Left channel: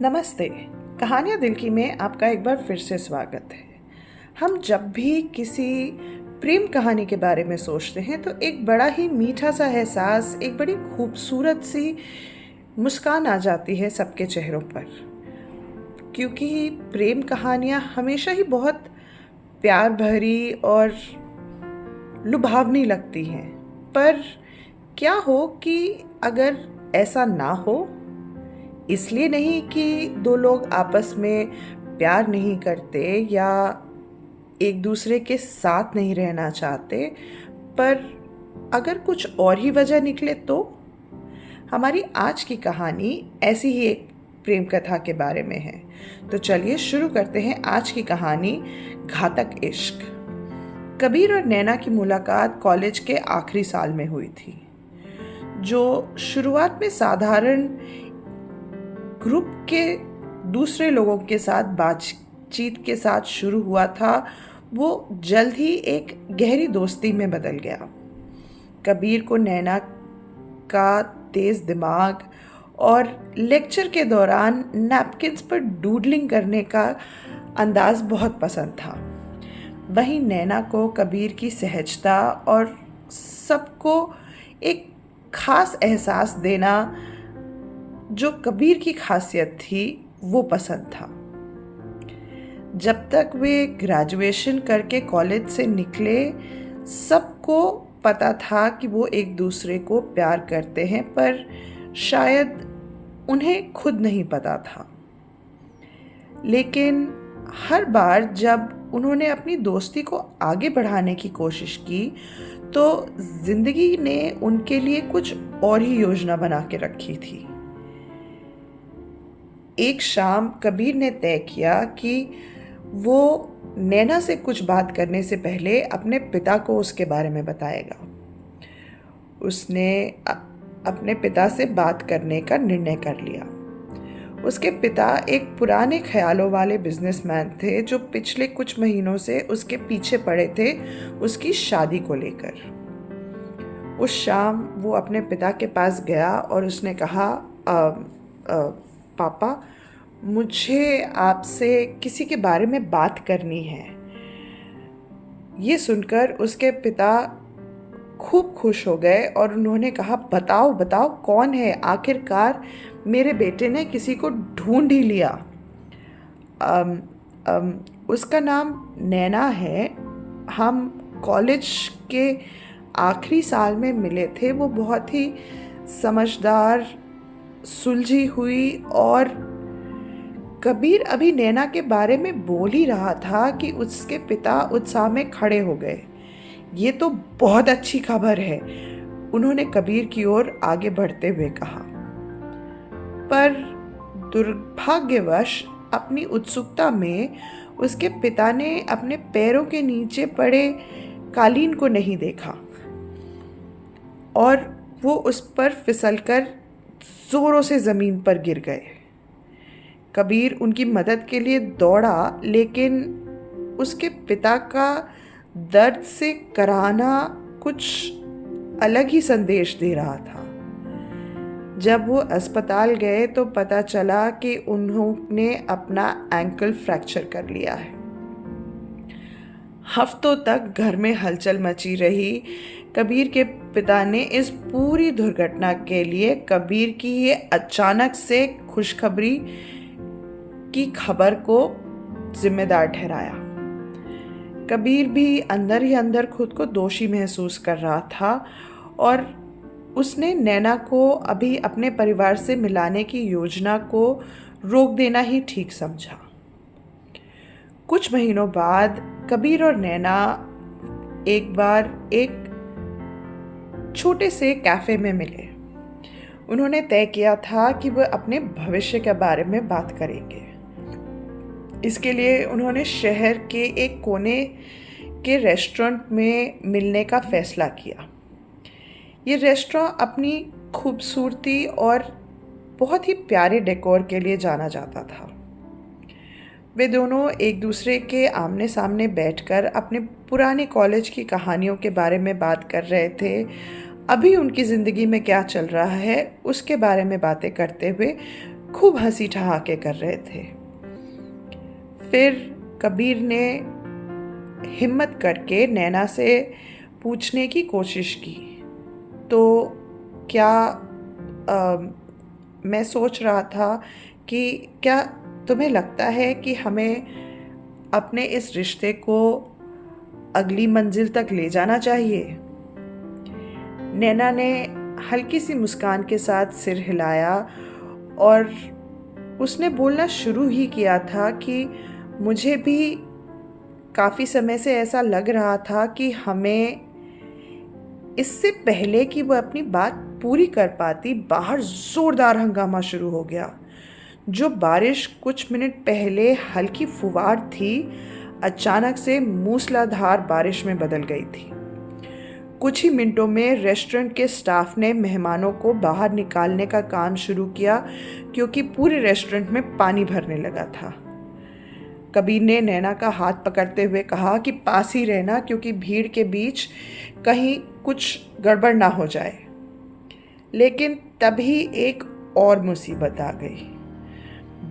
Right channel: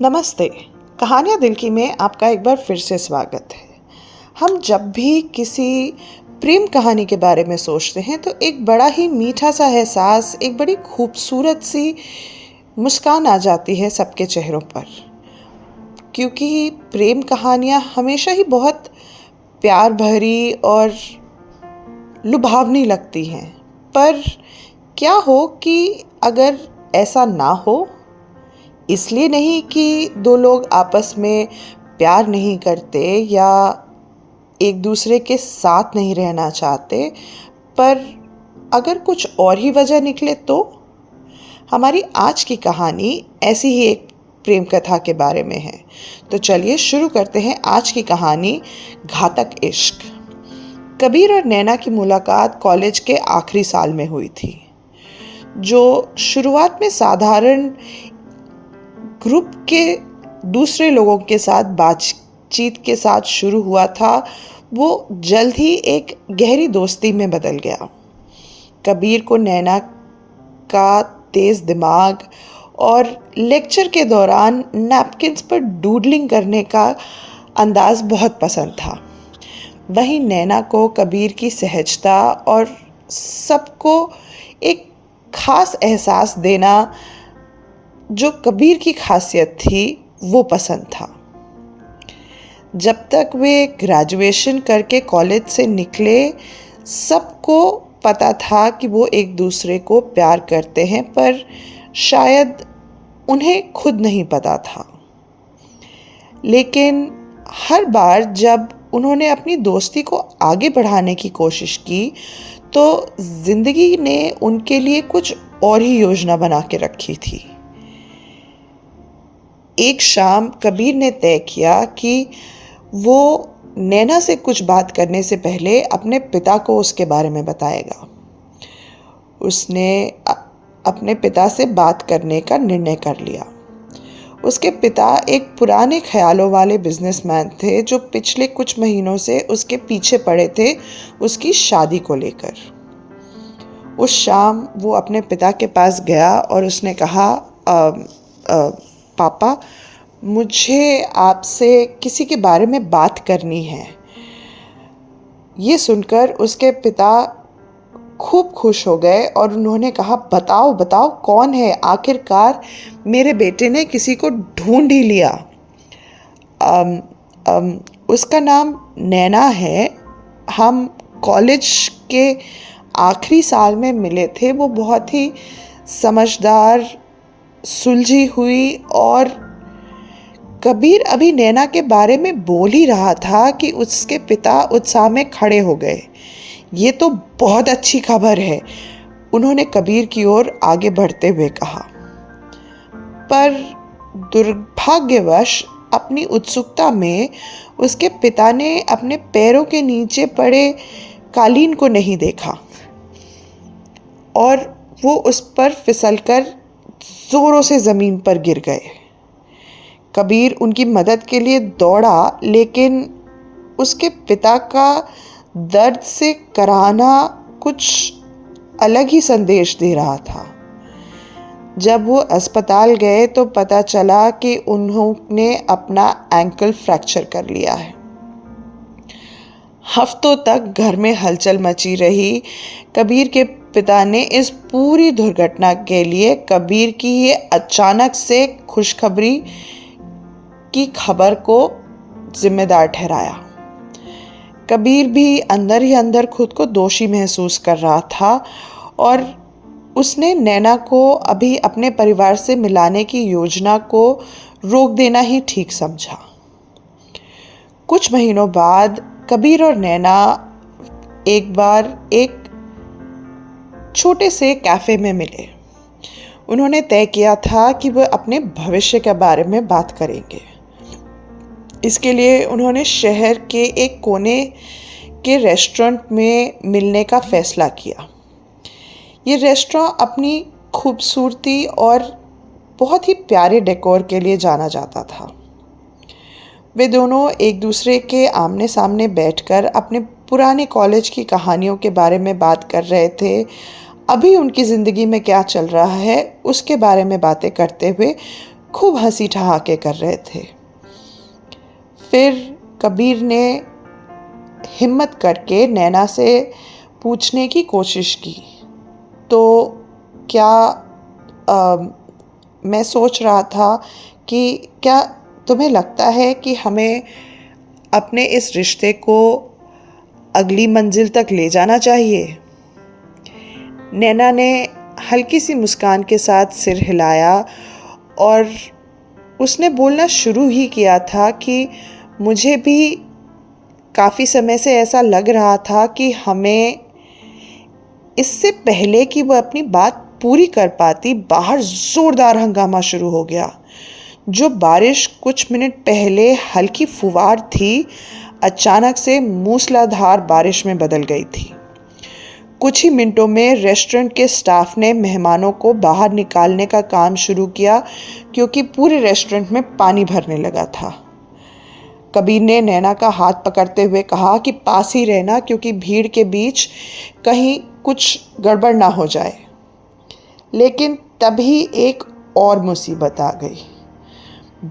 नमस्ते। कहानियाँ दिल की में आपका एक बार फिर से स्वागत है। हम जब भी किसी प्रेम कहानी के बारे में सोचते हैं तो एक बड़ा ही मीठा सा एहसास, एक बड़ी खूबसूरत सी मुस्कान आ जाती है सबके चेहरों पर, क्योंकि प्रेम कहानियाँ हमेशा ही बहुत प्यार भरी और लुभावनी लगती हैं। पर क्या हो कि अगर ऐसा ना हो, इसलिए नहीं कि दो लोग आपस में प्यार नहीं करते या एक दूसरे के साथ नहीं रहना चाहते, पर अगर कुछ और ही वजह निकले तो हमारी आज की कहानी ऐसी ही एक प्रेम कथा के बारे में है। तो चलिए शुरू करते हैं आज की कहानी, घातक इश्क। कबीर और नैना की मुलाकात कॉलेज के आखिरी साल में हुई थी। जो शुरुआत में साधारण ग्रुप के दूसरे लोगों के साथ बातचीत के साथ शुरू हुआ था, वो जल्द ही एक गहरी दोस्ती में बदल गया। कबीर को नैना का तेज़ दिमाग और लेक्चर के दौरान नैपकिन्स पर डूडलिंग करने का अंदाज बहुत पसंद था। वहीं नैना को कबीर की सहजता और सबको एक खास एहसास देना, जो कबीर की खासियत थी, वो पसंद था। जब तक वे ग्रेजुएशन करके कॉलेज से निकले, सबको पता था कि वो एक दूसरे को प्यार करते हैं, पर शायद उन्हें खुद नहीं पता था। लेकिन हर बार जब उन्होंने अपनी दोस्ती को आगे बढ़ाने की कोशिश की, तो ज़िंदगी ने उनके लिए कुछ और ही योजना बना के रखी थी। एक शाम कबीर ने तय किया कि वो नैना से कुछ बात करने से पहले अपने पिता को उसके बारे में बताएगा। उसने अपने पिता से बात करने का निर्णय कर लिया। उसके पिता एक पुराने ख्यालों वाले बिजनेसमैन थे, जो पिछले कुछ महीनों से उसके पीछे पड़े थे उसकी शादी को लेकर। उस शाम वो अपने पिता के पास गया और उसने कहा, पापा, मुझे आपसे किसी के बारे में बात करनी है। ये सुनकर उसके पिता खूब खुश हो गए और उन्होंने कहा, बताओ बताओ, कौन है? आखिरकार मेरे बेटे ने किसी को ढूंढ ही लिया। उसका नाम नैना है। हम कॉलेज के आखिरी साल में मिले थे। वो बहुत ही समझदार, सुलझी हुई। और कबीर अभी नैना के बारे में बोल ही रहा था कि उसके पिता उत्साह में खड़े हो गए। ये तो बहुत अच्छी खबर है, उन्होंने कबीर की ओर आगे बढ़ते हुए कहा। पर दुर्भाग्यवश अपनी उत्सुकता में उसके पिता ने अपने पैरों के नीचे पड़े कालीन को नहीं देखा और वो उस पर फिसलकर जोरों से ज़मीन पर गिर गए। कबीर उनकी मदद के लिए दौड़ा, लेकिन उसके पिता का दर्द से कराहना कुछ अलग ही संदेश दे रहा था। जब वो अस्पताल गए तो पता चला कि उन्होंने अपना एंकल फ्रैक्चर कर लिया है। हफ्तों तक घर में हलचल मची रही। कबीर के पिता ने इस पूरी दुर्घटना के लिए कबीर की ये अचानक से खुशखबरी की खबर को जिम्मेदार ठहराया। कबीर भी अंदर ही अंदर खुद को दोषी महसूस कर रहा था और उसने नैना को अभी अपने परिवार से मिलाने की योजना को रोक देना ही ठीक समझा। कुछ महीनों बाद कबीर और नैना एक बार एक छोटे से कैफ़े में मिले। उन्होंने तय किया था कि वह अपने भविष्य के बारे में बात करेंगे। इसके लिए उन्होंने शहर के एक कोने के रेस्टोरेंट में मिलने का फ़ैसला किया। ये रेस्टोरेंट अपनी खूबसूरती और बहुत ही प्यारे डेकोर के लिए जाना जाता था। वे दोनों एक दूसरे के आमने सामने बैठकर अपने पुराने कॉलेज की कहानियों के बारे में बात कर रहे थे। अभी उनकी ज़िंदगी में क्या चल रहा है, उसके बारे में बातें करते हुए खूब हंसी ठहाके कर रहे थे। फिर कबीर ने हिम्मत करके नैना से पूछने की कोशिश की, तो क्या मैं सोच रहा था कि क्या तुम्हें लगता है कि हमें अपने इस रिश्ते को अगली मंजिल तक ले जाना चाहिए? नैना ने हल्की सी मुस्कान के साथ सिर हिलाया और उसने बोलना शुरू ही किया था कि मुझे भी काफ़ी समय से ऐसा लग रहा था कि हमें, इससे पहले कि वह अपनी बात पूरी कर पाती, बाहर ज़ोरदार हंगामा शुरू हो गया। जो बारिश कुछ मिनट पहले हल्की फुवार थी, अचानक से मूसलाधार बारिश में बदल गई थी। कुछ ही मिनटों में रेस्टोरेंट के स्टाफ ने मेहमानों को बाहर निकालने का काम शुरू किया, क्योंकि पूरे रेस्टोरेंट में पानी भरने लगा था। कबीर ने नैना का हाथ पकड़ते हुए कहा कि पास ही रहना, क्योंकि भीड़ के बीच कहीं कुछ गड़बड़ ना हो जाए। लेकिन तभी एक और मुसीबत आ गई।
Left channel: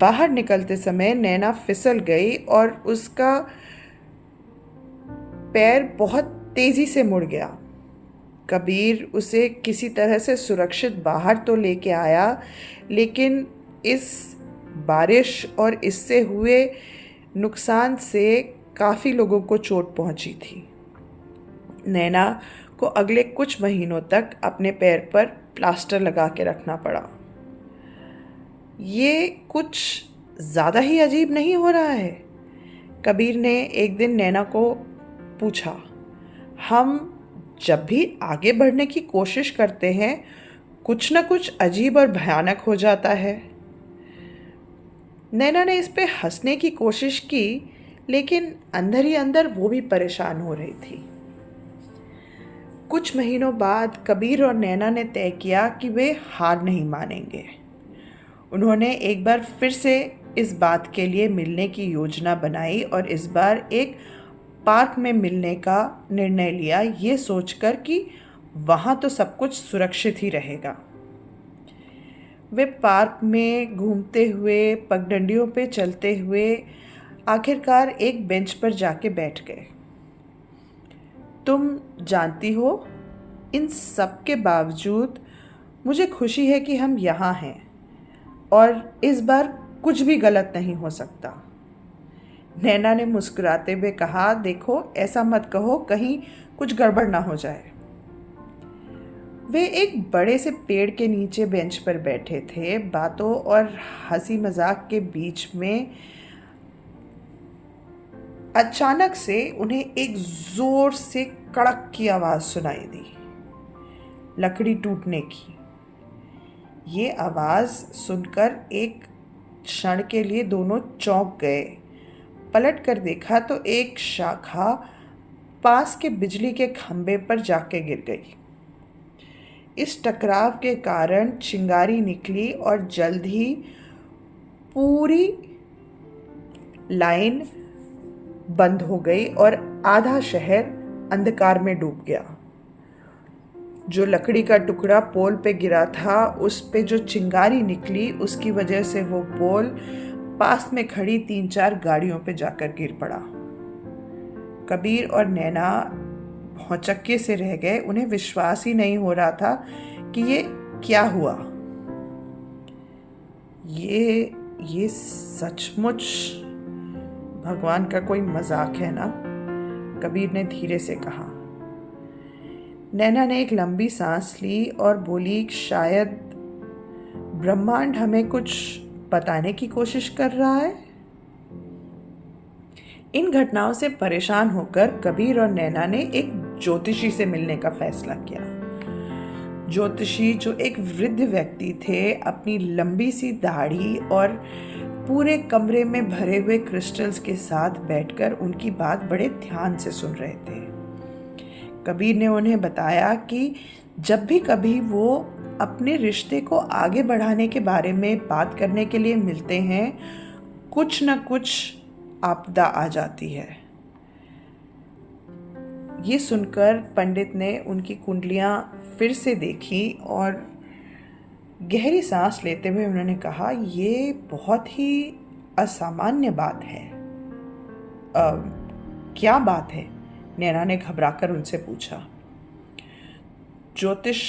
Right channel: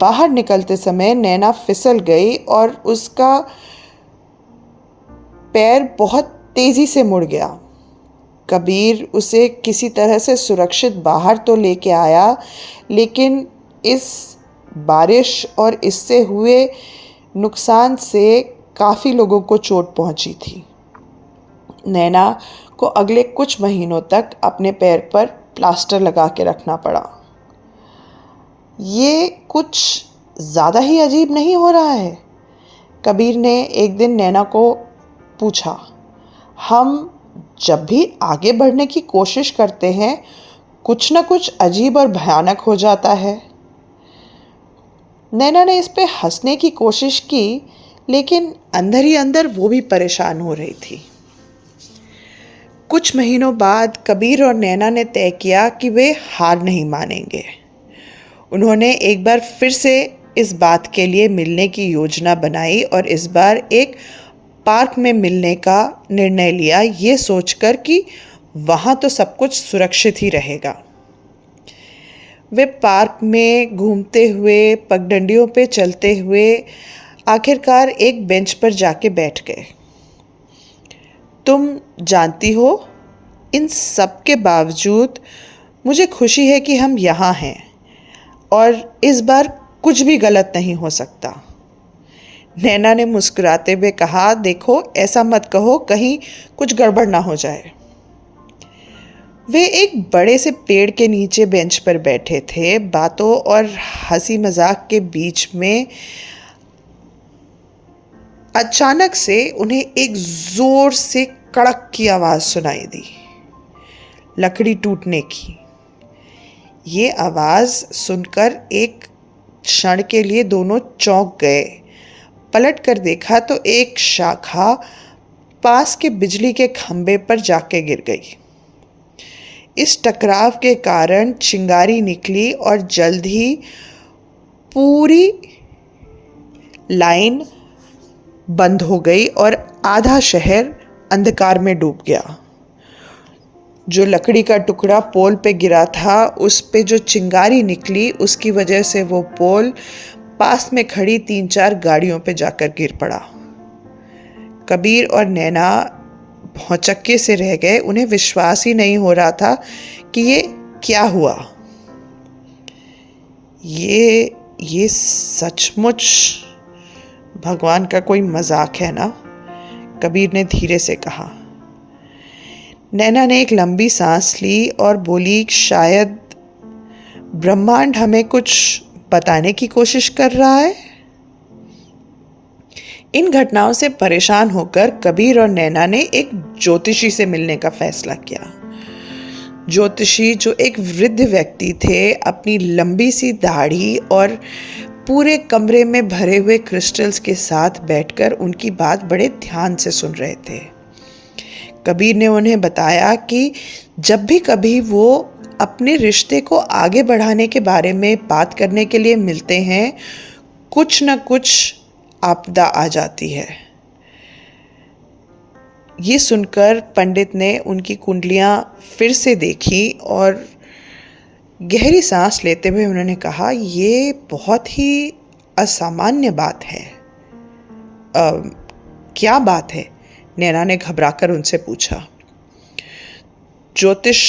बाहर निकलते समय नैना फिसल गई और उसका पैर बहुत तेज़ी से मुड़ गया। कबीर उसे किसी तरह से सुरक्षित बाहर तो लेके आया, लेकिन इस बारिश और इससे हुए नुकसान से काफ़ी लोगों को चोट पहुंची थी। नैना को अगले कुछ महीनों तक अपने पैर पर प्लास्टर लगा के रखना पड़ा। ये कुछ ज़्यादा ही अजीब नहीं हो रहा है? कबीर ने एक दिन नैना को पूछा। हम जब भी आगे बढ़ने की कोशिश करते हैं, कुछ न कुछ अजीब और भयानक हो जाता है। नैना ने इस पे हंसने की कोशिश की, लेकिन अंदर ही अंदर वो भी परेशान हो रही थी। कुछ महीनों बाद कबीर और नैना ने तय किया कि वे हार नहीं मानेंगे। उन्होंने एक बार फिर से इस बात के लिए मिलने की योजना बनाई और इस बार एक पार्क में मिलने का निर्णय लिया, ये सोचकर कि वहाँ तो सब कुछ सुरक्षित ही रहेगा। वे पार्क में घूमते हुए, पगडंडियों पे चलते हुए आखिरकार एक बेंच पर जाके बैठ गए। तुम जानती हो, इन सब के बावजूद मुझे खुशी है कि हम यहाँ हैं और इस बार कुछ भी गलत नहीं हो सकता। नैना ने मुस्कुराते हुए कहा, देखो ऐसा मत कहो, कहीं कुछ गड़बड़ ना हो जाए। वे एक बड़े से पेड़ के नीचे बेंच पर बैठे थे। बातों और हंसी मजाक के बीच में अचानक से उन्हें एक जोर से कड़क की आवाज़ सुनाई दी, लकड़ी टूटने की। ये आवाज़ सुनकर एक क्षण के लिए दोनों चौंक गए। पलट कर देखा तो एक शाखा पास के बिजली के खंभे पर जाके गिर गई। इस टकराव के कारण चिंगारी निकली और जल्द ही पूरी लाइन बंद हो गई और आधा शहर अंधकार में डूब गया। जो लकड़ी का टुकड़ा पोल पे गिरा था, उस पे जो चिंगारी निकली, उसकी वजह से वो पोल पास में खड़ी 3-4 गाड़ियों पे जाकर गिर पड़ा। कबीर और नैना भौचक्के से रह गए। उन्हें विश्वास ही नहीं हो रहा था कि ये क्या हुआ। ये सचमुच भगवान का कोई मजाक है ना? कबीर ने धीरे से कहा। नैना ने एक लंबी सांस ली और बोली, शायद ब्रह्मांड हमें कुछ बताने की कोशिश कर रहा है। इन घटनाओं से परेशान होकर कबीर और नैना ने एक ज्योतिषी से मिलने का फैसला किया। ज्योतिषी, जो एक वृद्ध व्यक्ति थे, अपनी लंबी सी दाढ़ी और पूरे कमरे में भरे हुए क्रिस्टल्स के साथ बैठकर उनकी बात बड़े ध्यान से सुन रहे थे। कबीर ने उन्हें बताया कि जब भी कभी वो अपने रिश्ते को आगे बढ़ाने के बारे में बात करने के लिए मिलते हैं, कुछ न कुछ आपदा आ जाती है। ये सुनकर पंडित ने उनकी कुंडलियां फिर से देखी और गहरी सांस लेते हुए उन्होंने कहा, ये बहुत ही असामान्य बात है। क्या बात है? नैना ने घबराकर उनसे पूछा। ज्योतिष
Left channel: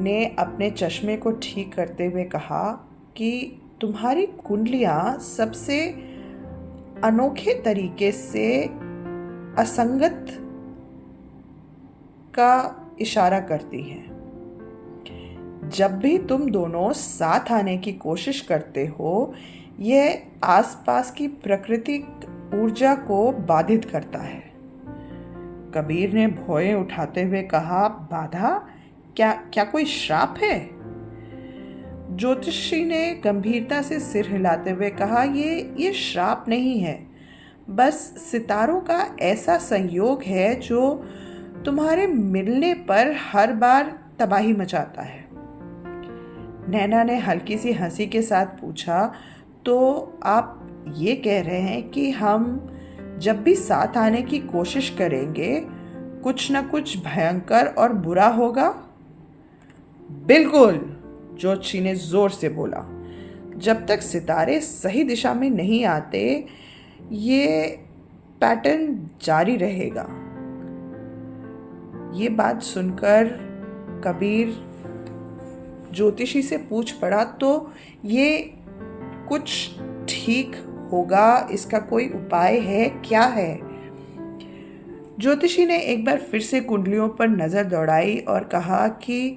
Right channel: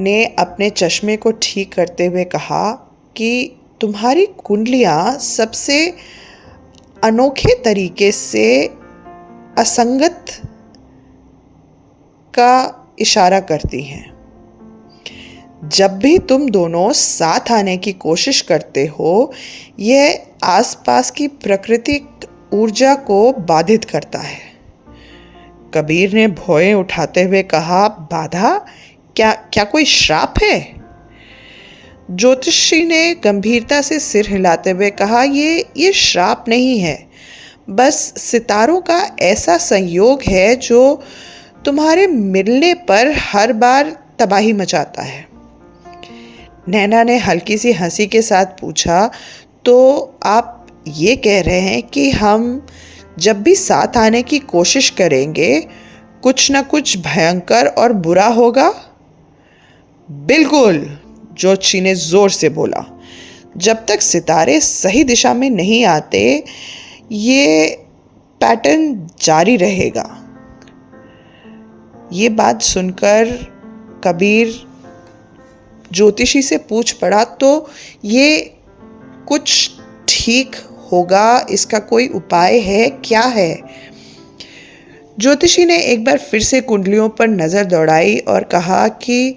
ने अपने चश्मे को ठीक करते हुए कहा कि तुम्हारी कुंडलियां सबसे अनोखे तरीके से असंगत का इशारा करती हैं। जब भी तुम दोनों साथ आने की कोशिश करते हो, यह आसपास की प्राकृतिक ऊर्जा को बाधित करता है। कबीर ने भौएं उठाते हुए कहा, बाधा? क्या कोई श्राप है? ज्योतिषी ने गंभीरता से सिर हिलाते हुए कहा, ये श्राप नहीं है, बस सितारों का ऐसा संयोग है जो तुम्हारे मिलने पर हर बार तबाही मचाता है। नैना ने हल्की सी हंसी के साथ पूछा, तो आप ये कह रहे हैं कि हम जब भी साथ आने की कोशिश करेंगे कुछ न कुछ भयंकर और बुरा होगा? बिल्कुल, ज्योतिषी ने जोर से बोला। जब तक सितारे सही दिशा में नहीं आते, ये पैटर्न जारी रहेगा। ये बात सुनकर कबीर ज्योतिषी से पूछ पड़ा, तो ये कुछ ठीक होगा? इसका कोई उपाय है? क्या है? ज्योतिषी ने एक बार फिर से कुंडलियों पर नज़र दौड़ाई और कहा कि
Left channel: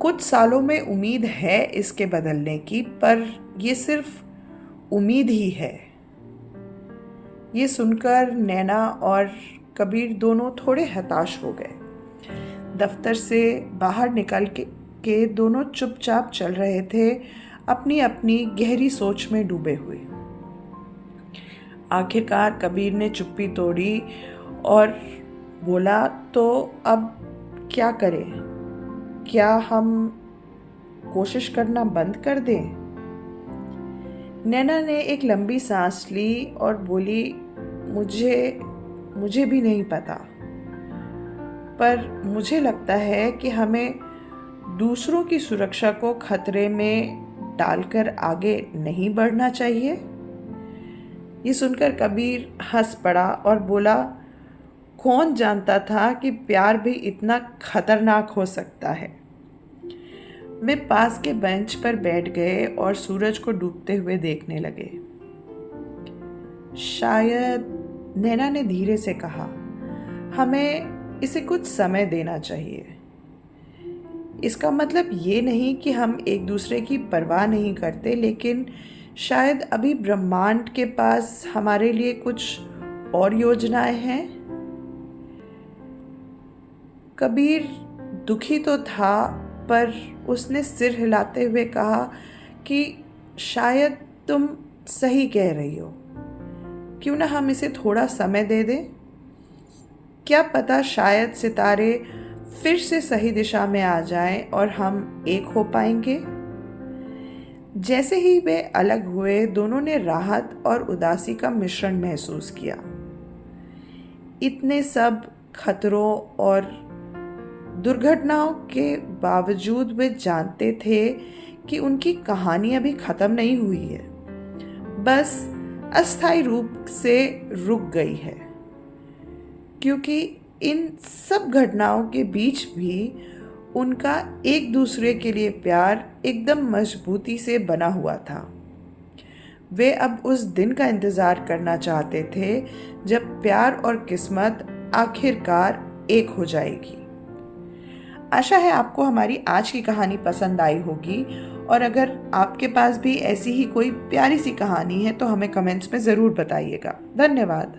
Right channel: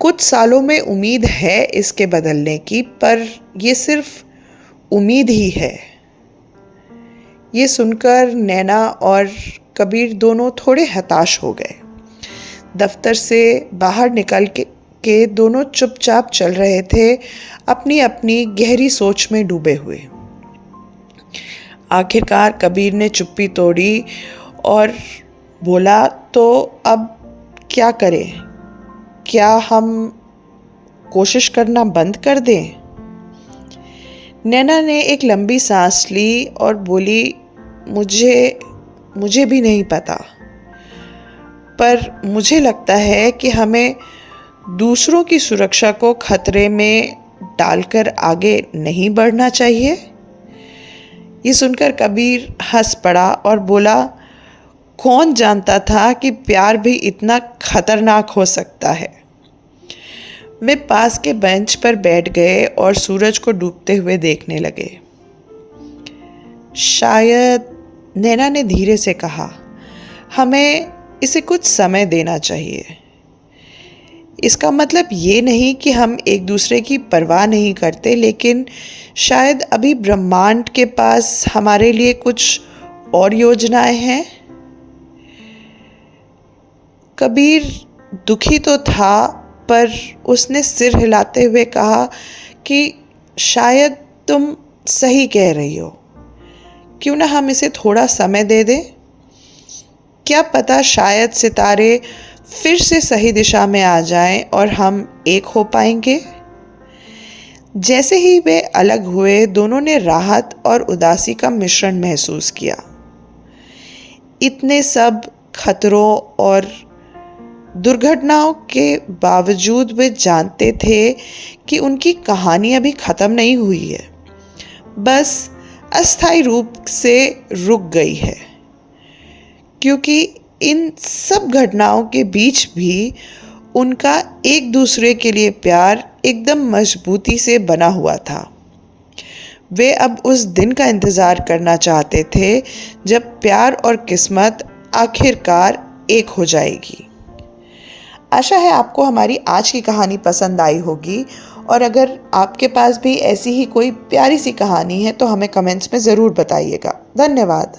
कुछ सालों में उम्मीद है इसके बदलने की, पर ये सिर्फ उम्मीद ही है। ये सुनकर नैना और कबीर दोनों थोड़े हताश हो गए। दफ्तर से बाहर निकल के दोनों चुपचाप चल रहे थे, अपनी अपनी गहरी सोच में डूबे हुए। आखिरकार कबीर ने चुप्पी तोड़ी और बोला, तो अब क्या करें? क्या हम कोशिश करना बंद कर दें? नैना ने एक लंबी सांस ली और बोली, मुझे भी नहीं पता, पर मुझे लगता है कि हमें दूसरों की सुरक्षा को खतरे में डालकर आगे नहीं बढ़ना चाहिए। ये सुनकर कबीर हंस पड़ा और बोला, कौन जानता था कि प्यार भी इतना खतरनाक हो सकता है। वे पास के बेंच पर बैठ गए और सूरज को डूबते हुए देखने लगे। शायद, नैना ने धीरे से कहा, हमें इसे कुछ समय देना चाहिए। इसका मतलब ये नहीं कि हम एक दूसरे की परवाह नहीं करते, लेकिन शायद अभी ब्रह्मांड के पास हमारे लिए कुछ और योजनाएं हैं। कबीर दुखी तो था, पर उसने सिर हिलाते हुए कहा कि शायद तुम सही कह रही हो। क्यों ना हम इसे थोड़ा समय दे दें? क्या पता शायद सितारे फिर से सही दिशा में आ जाएं और हम एक हो पाएंगे। जैसे ही वे अलग हुए, दोनों ने राहत और उदासी का मिश्रण महसूस किया। इतने सब खतरों और दुर्घटनाओं के बावजूद वे जानते थे कि उनकी कहानी अभी ख़त्म नहीं हुई है, बस अस्थायी रूप से रुक गई है। क्योंकि इन सब घटनाओं के बीच भी उनका एक दूसरे के लिए प्यार एकदम मजबूती से बना हुआ था। वे अब उस दिन का इंतज़ार करना चाहते थे जब प्यार और किस्मत आखिरकार एक हो जाएगी। आशा है आपको हमारी आज की कहानी पसंद आई होगी, और अगर आपके पास भी ऐसी ही कोई प्यारी सी कहानी है तो हमें कमेंट्स में ज़रूर बताइएगा। धन्यवाद।